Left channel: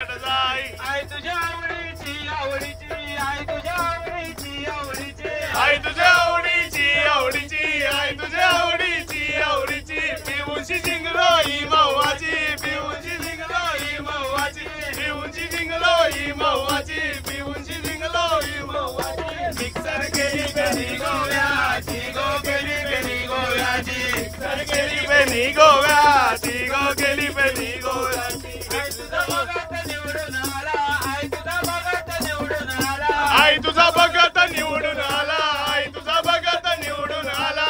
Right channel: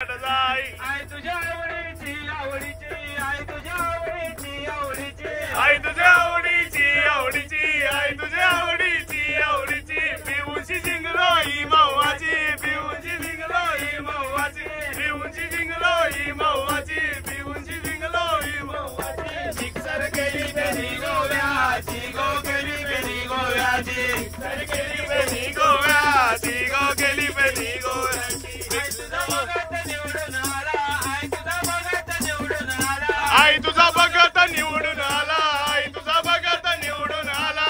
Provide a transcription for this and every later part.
आई तुझ्या आवडीची आवडीची आई तुझ्या आवडीची आवडीची आई तुझ्या आवडीची आवडीची आई तुझ्या आवडीची आवडीची पिऊची जिंगलोई मवाची पिऊची जिंगलोई मवाची पिऊची जिंगलोई मवाची पिऊची जिंगलोई मवाची मिक्सर केली बेनी गोव्याची गो केली बेनी गोव्याची मिक्सर केली बेनी गोव्याची गो केली बेनी गोव्याची आई तुझा भगत निवडून आला आई तुझा भगत निवडून आला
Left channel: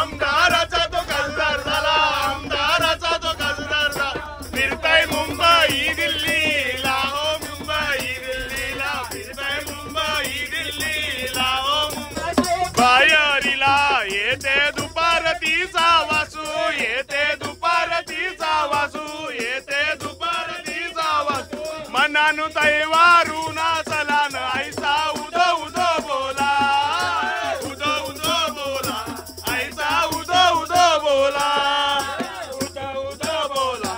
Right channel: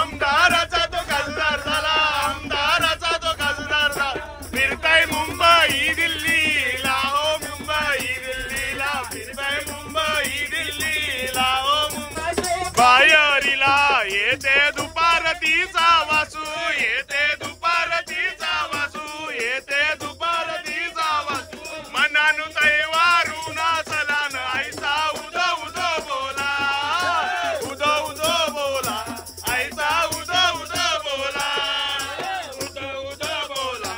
आमदाराचा तो खासदार झाला आमदाराचा तो खासदार झाला फिरताय मुंबई दिल्लीला हो मुंबई दिल्लीला फिरताय मुंबई दिल्लीला हो मुंबई बाहेरीला येते दुपारतीचा वासू येते दुपारतीचा वासू येते दुपारतीचा वासू मनानु तैवारू नाचला न आईचा उदो उदो बोला उदो उदो बोला आईचा उदो उदो बोला उदो उदो बोला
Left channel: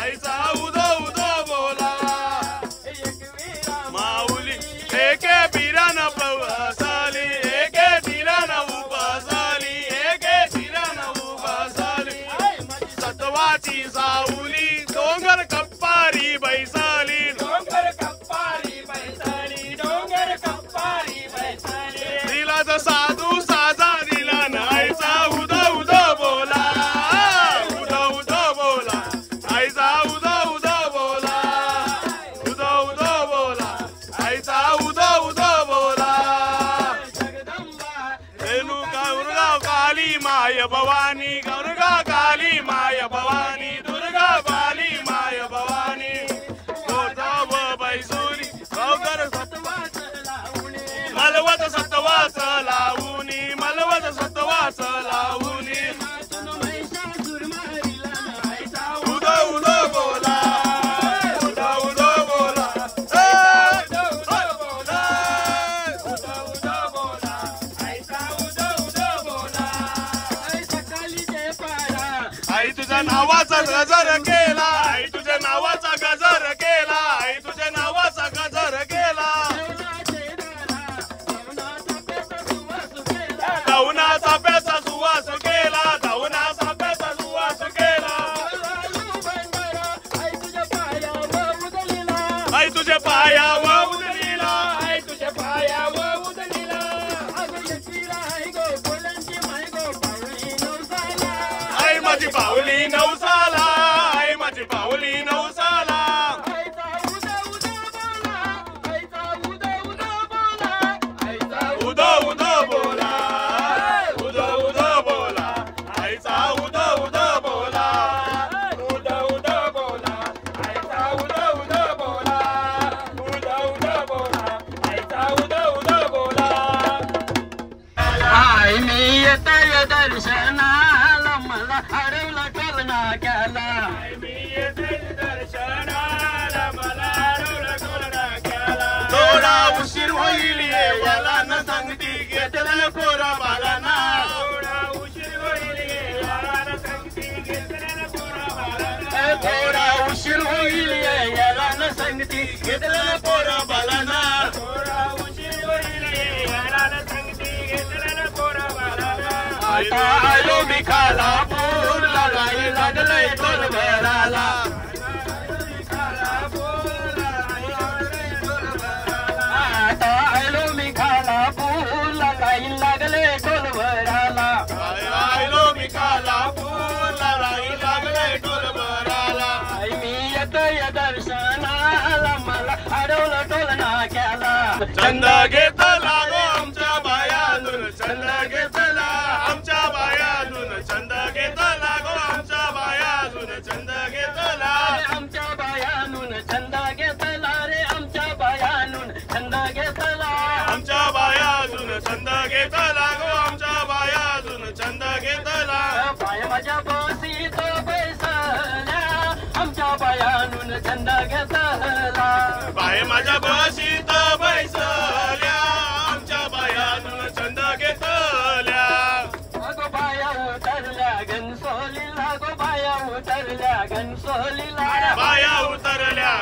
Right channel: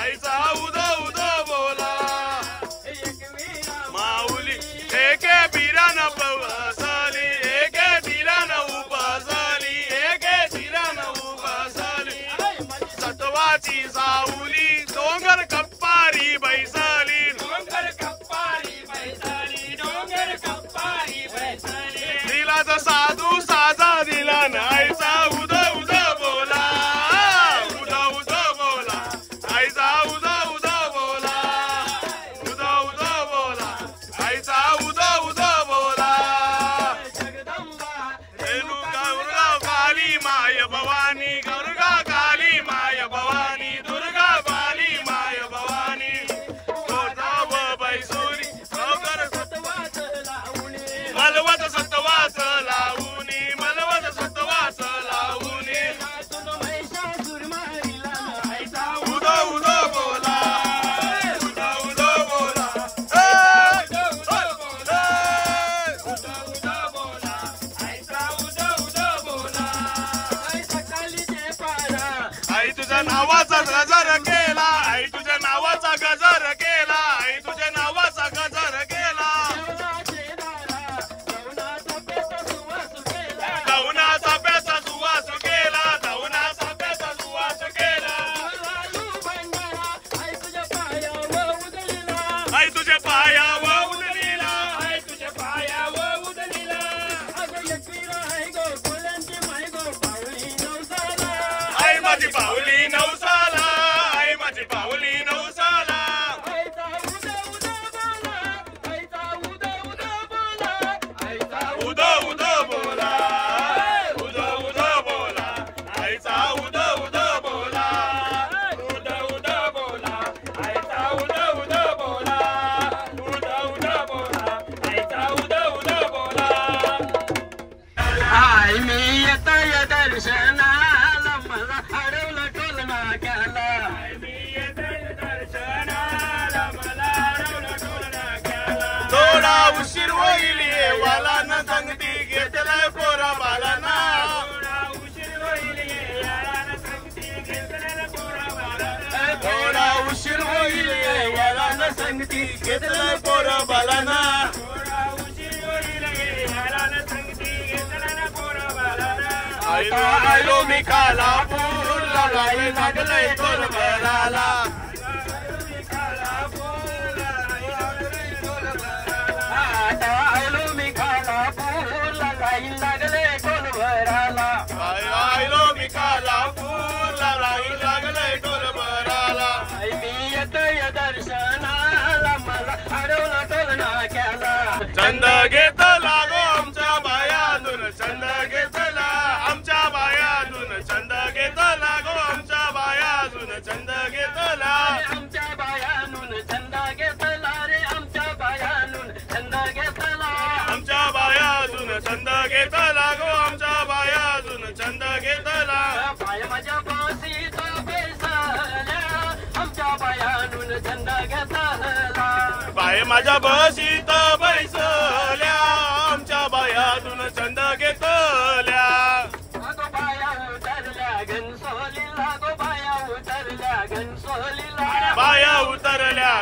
आईचा उदो उदो बोला माऊली एके बिरान पवसाली एके बिरान उपसाली एके बिरान उपसाली सत्वाची सावली डोंगर कप्पारी बैसाली डोंगर कप्पारी बैसाली डोंगर कप्पारी बैसाली दिला साधू साजा दिला नाईचा उदो उदो बोला उदो उदो बोला आईचा उदो उदो बोला उदो उदो बोला आईचा उदो उदो बोला रेणुका दुर्गा काली माय भवानी दुर्गा काली माय भवानी दुर्गा काली माय भवानी गोदाव बैसुरी गौगर सत्वाच लावणी मलवत सत्वाच लावणी मलवत सत्वाच लावणी उदो उदो बोला उदो उदो बोला आई तुझ्या नावाचा गजर केला आई तुझ्या नावाचा गजर केला आई तुझ्या नावाचा गजर केला धावना चाप्याचा सुवास केला धावना चाप्याचा सुवास केला आई तुझ्या पायावर उदलीला आई तुझ्या पायावर उदलीला आई माझी पावली नवसाला आई माझी पावली नवसाला उदो उदो बोला उदो उदो बोला आईचा उदो उदो बोला उदो उदो बोला आईचा उदो उदो बोला उदो उदो बोला आईचा उदो उदो बोला आई मी येतय दर्शनाला मला हरवलं टोलना केला मी येतोय दर्शनाला मला हरवलं टोलना केला थोडा उशीर होईल येवाला न सांगती घेतलं पोरा बालाना थोडा उशीर होईल येवाला न सांगती घेतलं पोरा बालाना थोडा उशीर होईल येवाला न सांगती घेतलं पोरा बालाना थोडा उशीर होईल येवाला न सांगती घेतलं पोरा बालाना आलो मी खाला पूरला राई लागलंय तोल भराला आलो मी खाला पूरला लाईन लागले टोल भराला आलो मी खाला पूरला राई लागलंय तोल भराला आई मी येतय दर्शनाला मला अडवलं टोलना केला चंद घेतला गो आमच्या बायातून चंद घेतला आमच्या बायातून चंद घेतला गो आमच्या बायातून चंद घेतला आमच्या बायानून चंद घेतला रे आमच्या बायानून चंद घेतला आमच्या बायातून चंद घेतला गो आमच्या बायातून चंद घेतला पाय माझ्या बसीत बैसल्या आमच्या बायानून चंद घेतला बाय माझ्या बशीत बैसल्या आमच्या बायातून चंद घेतल्या अगो बाया उतरल्या घनसोलीला गो बाया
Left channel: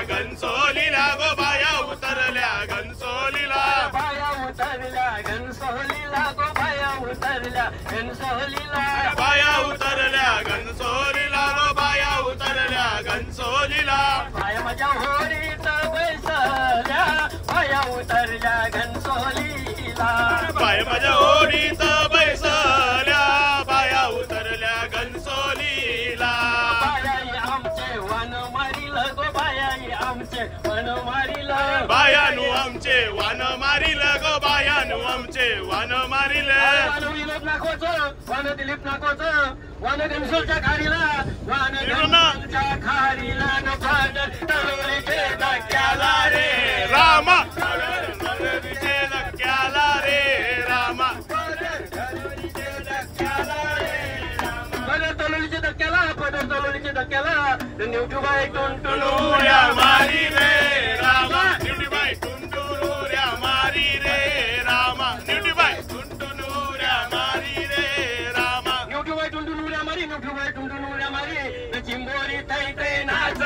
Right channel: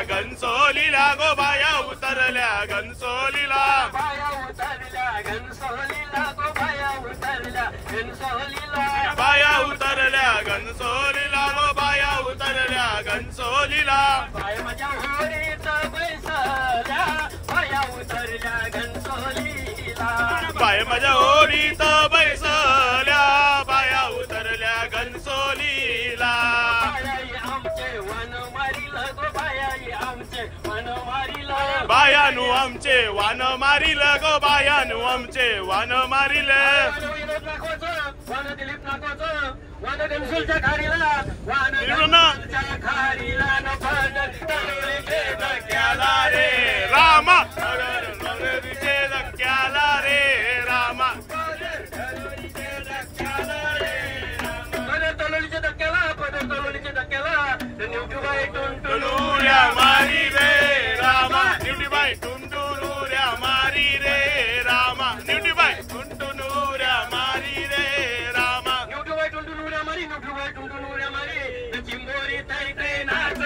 घनसोलीला गो बाया उतरल्या घनसोलीला बाया उतरल्या घनसोलीला गो बाया उतरल्या घनसोलीला बाया उतरल्या घनसोलीला गो बाया उतरल्या घनसोलीला बाया माझ्या होरीत बैसल्या बाया उतरल्या घनसोलीला बाया माझ्या ओढीत बैसल्या बाया उतरल्या घनसोलीला बायाई आमचे वन मारील गो बायाई आमचे वन मारील बायानु आमचे वान मारिल गो बायानु आमचे वान मारिल वन विनोद नाकोचं वन दिलीप नाकोचं वन घनसोलच्या खारीला वन घनसोलच्या खारीला न पाडर तळोलीचे धक्क्याला रे रामा तळोलीचे धक्क्याला रे रामा पदर तळोलीच्या धक्क्याला पदर तळोलीच्या धक्क्याला निवटूबाई टुनटुनुऱ्या मारी रे रामा निवटीबाई टुनटुनुऱ्या मारी रे रामा निवटीबाई टुनटुनुऱ्या मारी रे रामा निवटूबाई टुंटुनुऱ्या मारी निवटूबाई टुंटुनुऱ्या मारी चिंबोरी तैत्रे नाच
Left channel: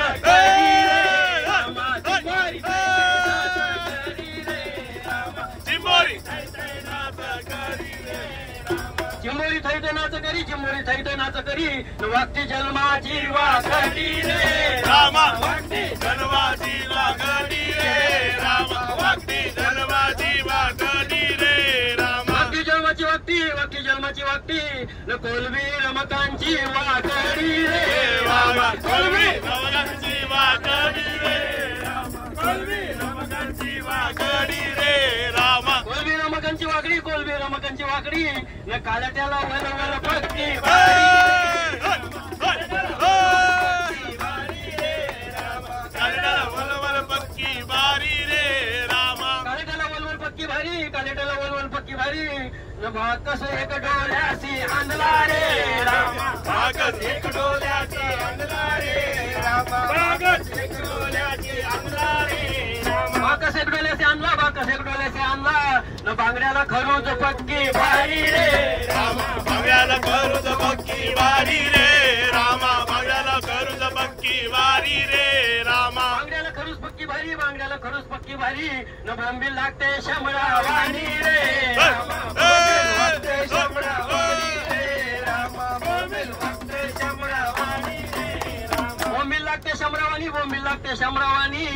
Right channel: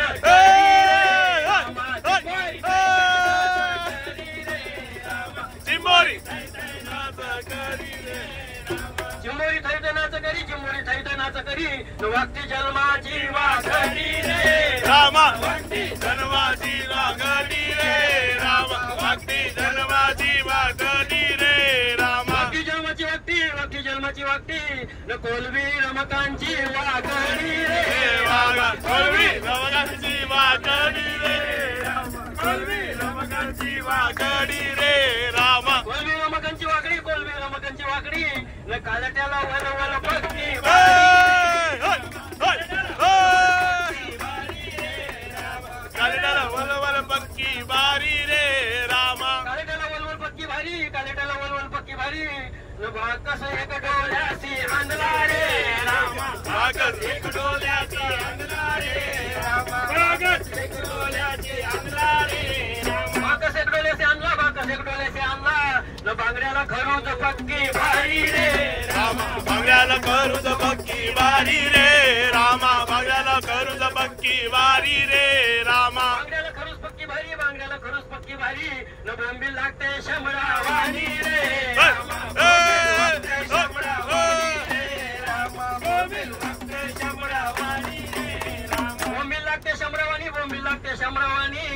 चिंबोरी चिंबोरी थैत नाच करी चिंबोरी थैत नाच करी वागती जन्माची वाकडी रे रामा वागती जन्माची वाकडी रे रामा वागती जन्माची वाकडी रे रामा वागती जन्माची वागती जन्माची वागती न कोलबी रमकांची वाकडी रे रामा कोलवी रमकांची वाकडी रे कोलवी रमकांची वाकडी रे रामा कोलबी रमकांची वाकडी कोलबी रमकांची वाकडी न कालट्याला वन वन पक्की कालेटाला वलवल पक्की बारी रे रामा कालेटाला वलवल पक्की भारी कालेटाला वलवल पक्की भारी न भाग कसं एक डोळ्याशी आणला रे रामा भागत एक डोल्याची अंगला रे रामा भागत एक डोल्याची अंगला रे रामा बाकस एक डोल्याशी आणला बाकस एक डोल्याशी आणला न बांगड्याला खरूच पक्की भारी रे रामा भाग्याला करूच पक्की बारी रे रामा भाग्याला करूच पक्की बारी रे रामा बांगड्याला खरूच पक्की भारी बांगड्याला खरूच पक्की भारी न बोंबील लागते शमरावानी रे रामा बोंबील लागते शमरावानी रे रामा बोंबील लागते शमरावानी रे रामा बोंबील लागते शमरावानी बोंबील लागते शमरावानी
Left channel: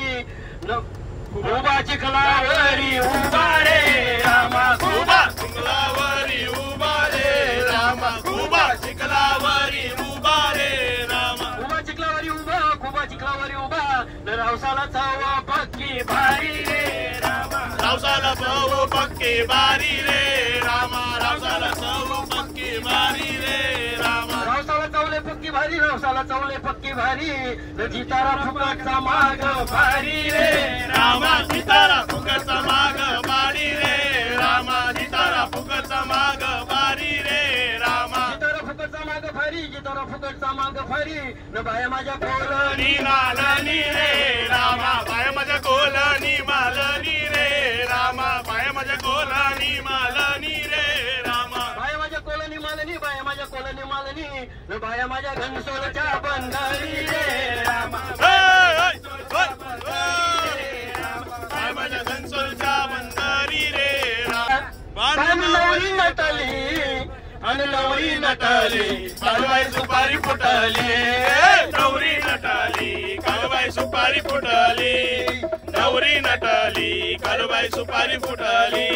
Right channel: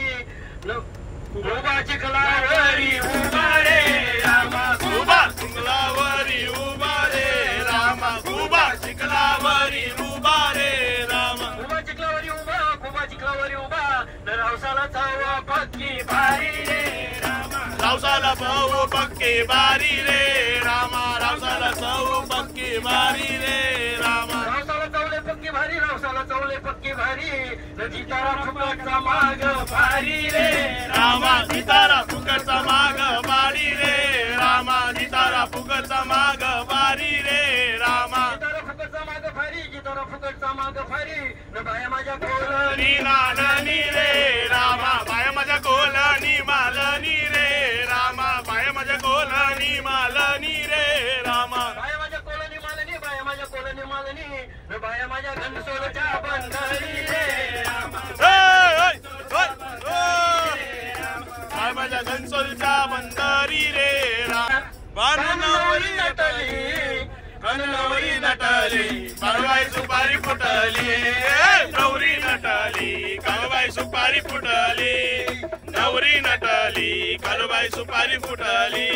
न उभा चिखलावरी उभा रे रामा उभा चिखलावरी उभा रे रामा उभा चिखलावरी उभा रे रामा उभा चिखलावरी उभा उभा चिखलावरी उभा न रावसाला चावा पक्की भारी रे रामा रावसाला चव पक्की बारी रे रामा रावसाला चव पक्की बारी रे रामा रावसाला चवले पक्की भारी रावसाला चवले पक्की भारी न जितारा फुकटचा माग भारी रे रामा जितारा फुकटचा माग बारी रे रामा जितारा फुकटचा माग बारी रे रामा जितारा फुकटचा माग भारी जितारा फुकटचा माग भारी न बाया माझ्या कोलनी नी मालनी रे रामा बाय माझ्या कोलनी मालनी रे रामा बाय माझ्या कोलनी मालनी रे रामा बाया माझ्या कोलनी मालनी बाया माझ्या कोलनी मालनी न बाया माझ्या घनसोलच्या बंधारी रे रामा बाय माझ्या घनसोलच्या बंधारी रे रामा नवरी नटली नवरी नटली काळबाई सुपारी फुटली नवरी नटली काळबाई सुपारी फुटली नवरी नटली काळबाई सुपारी फुटली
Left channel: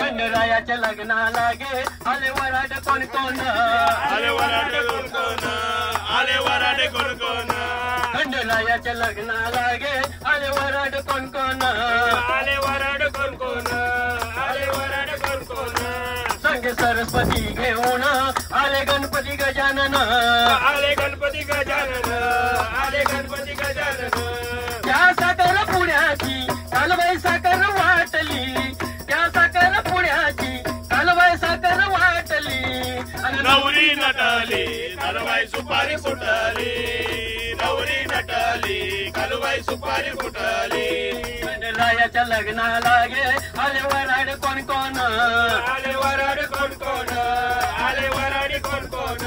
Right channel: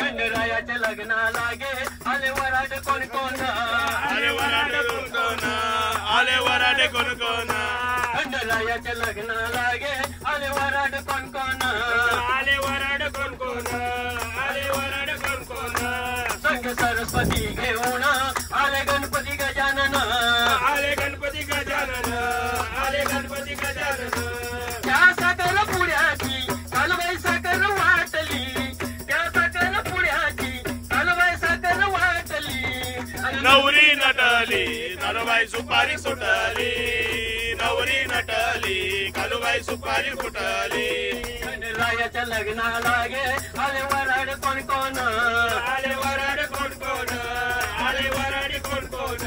खंडरायाच्या लग्नाला गे आले वराड कोण कोण आले वराडे कोण कोण आले वराडे कोण कोण खंडरायाच्या लग्नाला गे आले वराड कोण कोण आले वराड कोण कोण आले वराड कोण कोण संग सरस्वती घेऊन आले गणपती गजानन आले गणपती गजानन आले गणपती गजानन त्या साखर पुण्याची कालबाई साखर वाटली त्या साखर पुण्याची कालबाई साखर वाटली नवरी नटली नरबाई सुपारी सुटली नवरी नटली कालबाई सुपारी फुटली रायाच्या लग्नाला गे आले वराड कोण कोण आले वराड कोण कोण आले वराड कोण कोण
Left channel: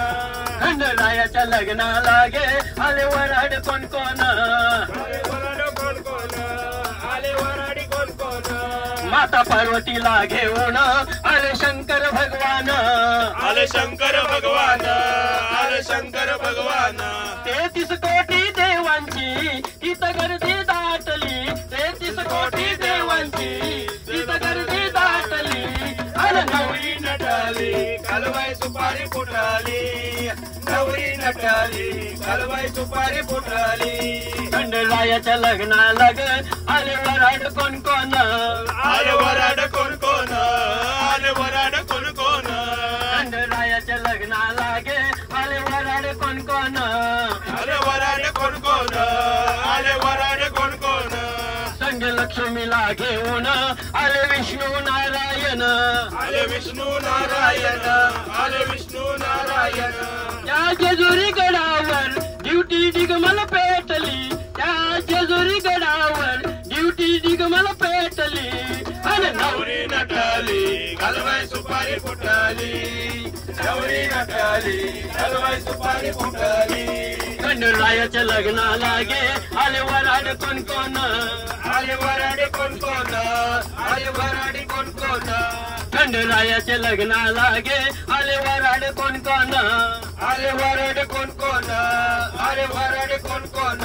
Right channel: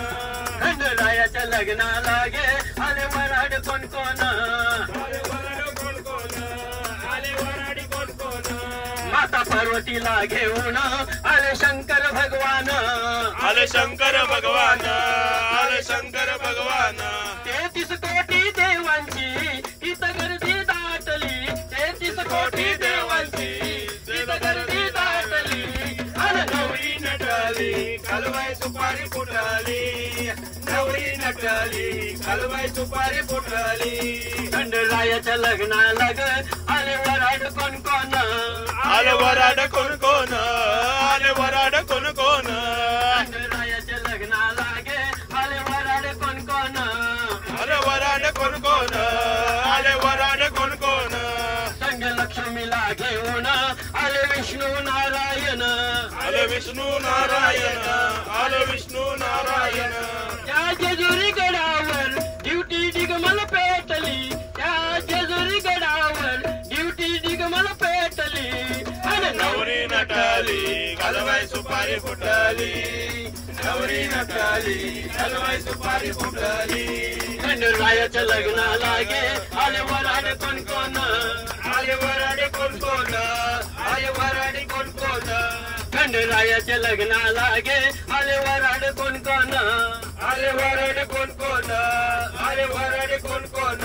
खंडरायाच्या लग्नाला गे आले वराड कोण कोण आले वराड कोण माता पार्वतीला घेऊन आले शंकर भगवान आले शंकर भगवान आले शंकर भगवान 33 कोटी देवांची इथं गर्दी दाटली 33 कोटी देवांची इथं गर्दी दाटली अरे नवरी नटली कालबाई सुपारी फुटली नवरी नटली कालबाई सुपारी फुटली खंडरायाच्या लग्नाला ग आले वराड कोण कोण आले वराड कोण कोण आले वराड कोण कोण खंडरायाच्या लग्नाला गे आले वराड कोण कोण आले वराड कोण कोण आले वराड कोण कोण संग लक्ष्मीला घेऊन आले विष्णू नारायण आले विष्णू नारायण आले विष्णू नारायण त्या जेजुरी गडावर ड्युटी डिगमल पेटली त्या जेजुरी गडावर ड्युटी डिगमल पेटली अरे नवरी नटली कालबाई सुपारी फुटली नवरी नटली कालबाई सुपारी फुटली खंडरायाच्या लग्नाला गे आले वराड कोण कोण आले वराड कोण कोण आले वराडी कोण कोण खंडरायाच्या लग्नाला गे आले वराड कोण कोण आले वराड कोण कोण आले वराड कोण कोण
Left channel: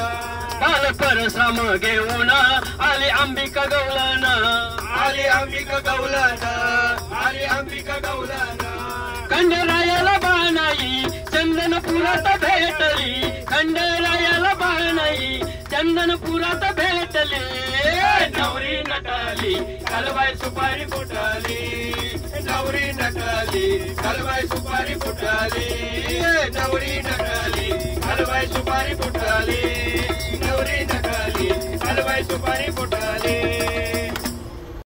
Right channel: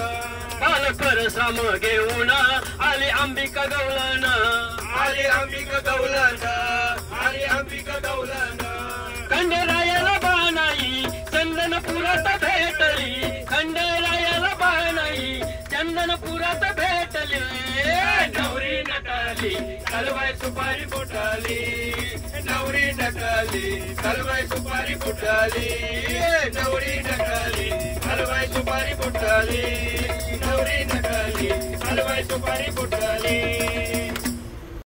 काल परश्रम घेऊन आली अंबिका गवळण आले अंबिका गवलन आले अंबिका गवलन खंडरायाला बाणाई चंदनपुरात भेटली खंडरायाला बाणाई चंदनपुरात भेटली नवरी नटली कालबाई सुपारी फुटली नवरी नटली कालबाई सुपारी फुटली नवरी नटली कालबाई सुपारी फुटली नवरी नटली कालबाई सुपारी फुटली